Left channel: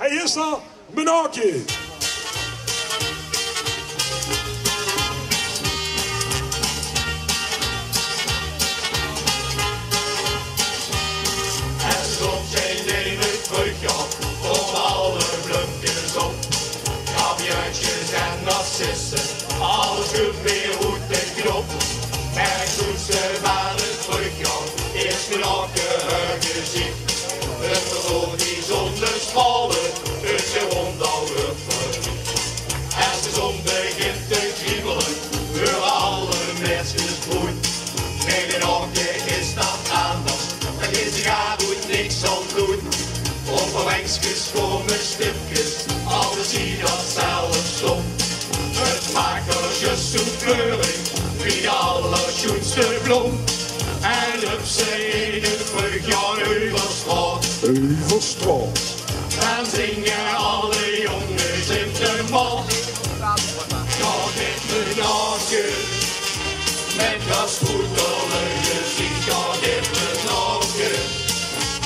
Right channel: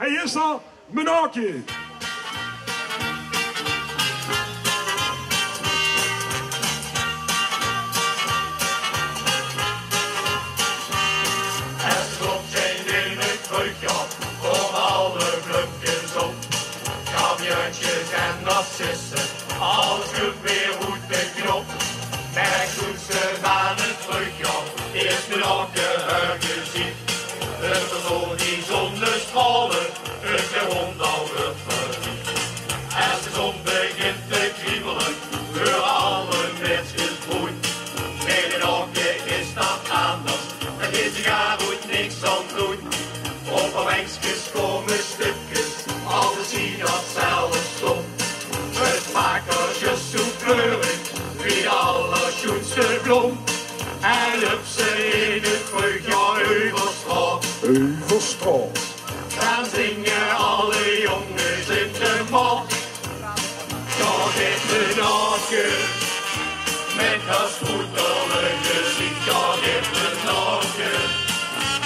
Hij is er, Menakje. En soms zijn in het brugje om alle blukjes op. Kaviaatjes en narcissen, alles goed weer goed en knop. En toen ze van het brugje eerst Menakje gezien. Het verloor die zonnestralen, het zijn rond al weer verliefd. Als de zon begint te kriebelen, voor alle mensen groen. Bij Menakje is dat anders, daar is zich goed niks aan doen. Overwengsjes komen stipjes, alles zien dat zelf stond. Het maakt als je zo kleurig, wie de allerschoonste blom. En op ze in het brugje Heuvelstraat. Heuvelstraat. Dan zingen alle jongens in de mat. Ga dit Menakje, met dat spoederlijke gezicht. Ga dit Menakje,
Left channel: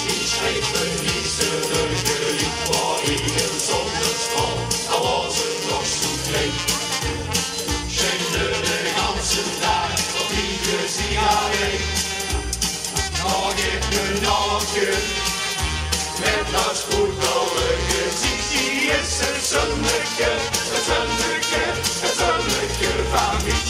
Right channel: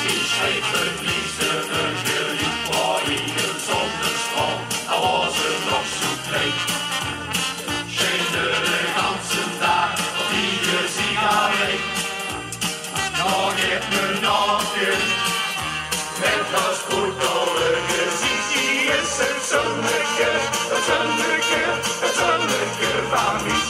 die schreef een liefdelige lied voor ieder zonnestraal. Al was het nog zo klein. Schende de ganse dag op ieder sigaret. Ga dit Menakje, met dat spoederlijke gezicht. Die is het zonnetje, het zonnetje, het zonnetje van mij.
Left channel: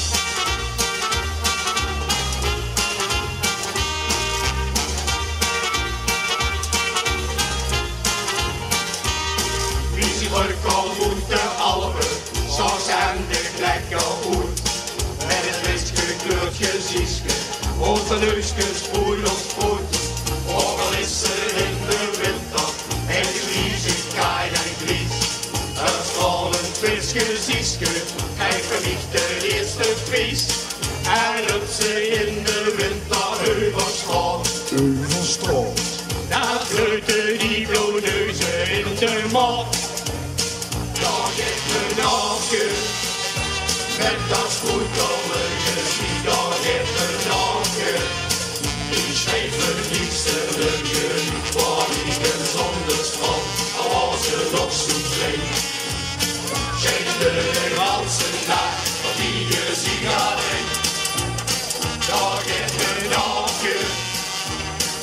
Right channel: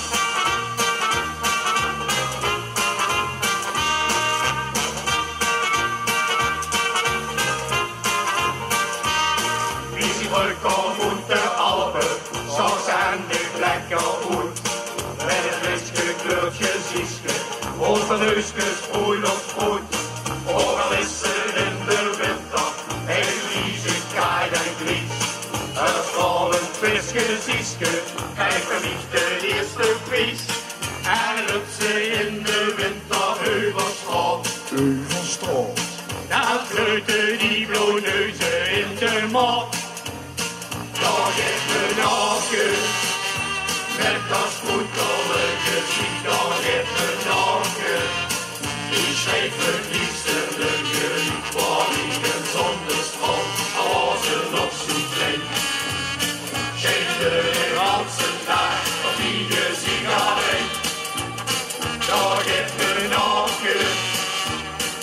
Kom uit de Alpen, zo zijn de lekker goed. Met het witje kleurtje ziesje, over neusjes sproeit of sproeit. Overal is het in de winter, en vliezen kaai en vlies. Een stralend visje ziesje, krijgt verlicht de eerste prijs. En op ze in de winter Heuvelstraat. Heuvelstraat. Daar groeiten die blauwneuzen in de mat. Ga dit Menakje, met dat spoederlijke gezicht. Ga dit Menakje, die schreef een liefdelige lied voor ieder zonnestraal. Al was het nog zo klein. Schende de ganse dag op ieder sigaret. Ga dit Menakje,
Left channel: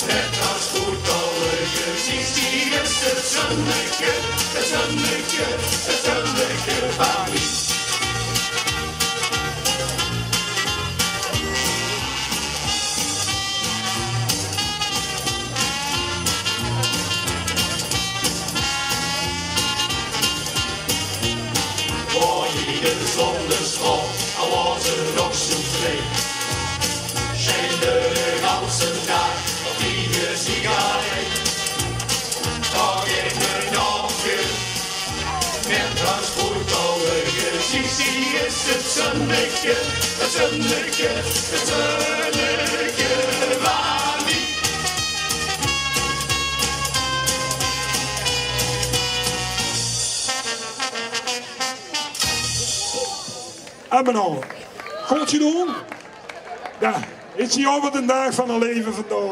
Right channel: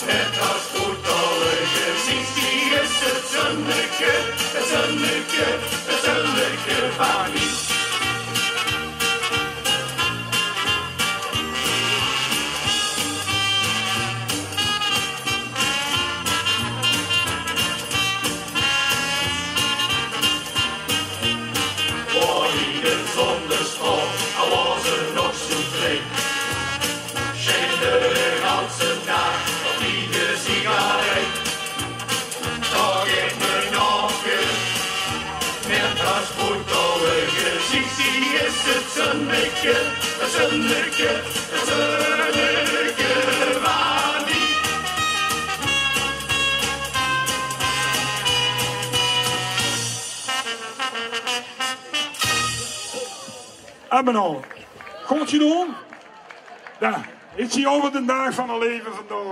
met dat spoederlijke gezicht. Die is het zonnetje, het zonnetje, het zonnetje van mij. Voor ieder zonnestraal, al was het nog zo vreemd. Schende de ganse dag op ieder sigaret. Ga dit Menakje, met dat spoederlijke gezicht. Die is het zonnetje, het zonnetje, het zonnetje van mij. En Menakje, goed je doen? Ja, is hij over de dag van een leven vandaag.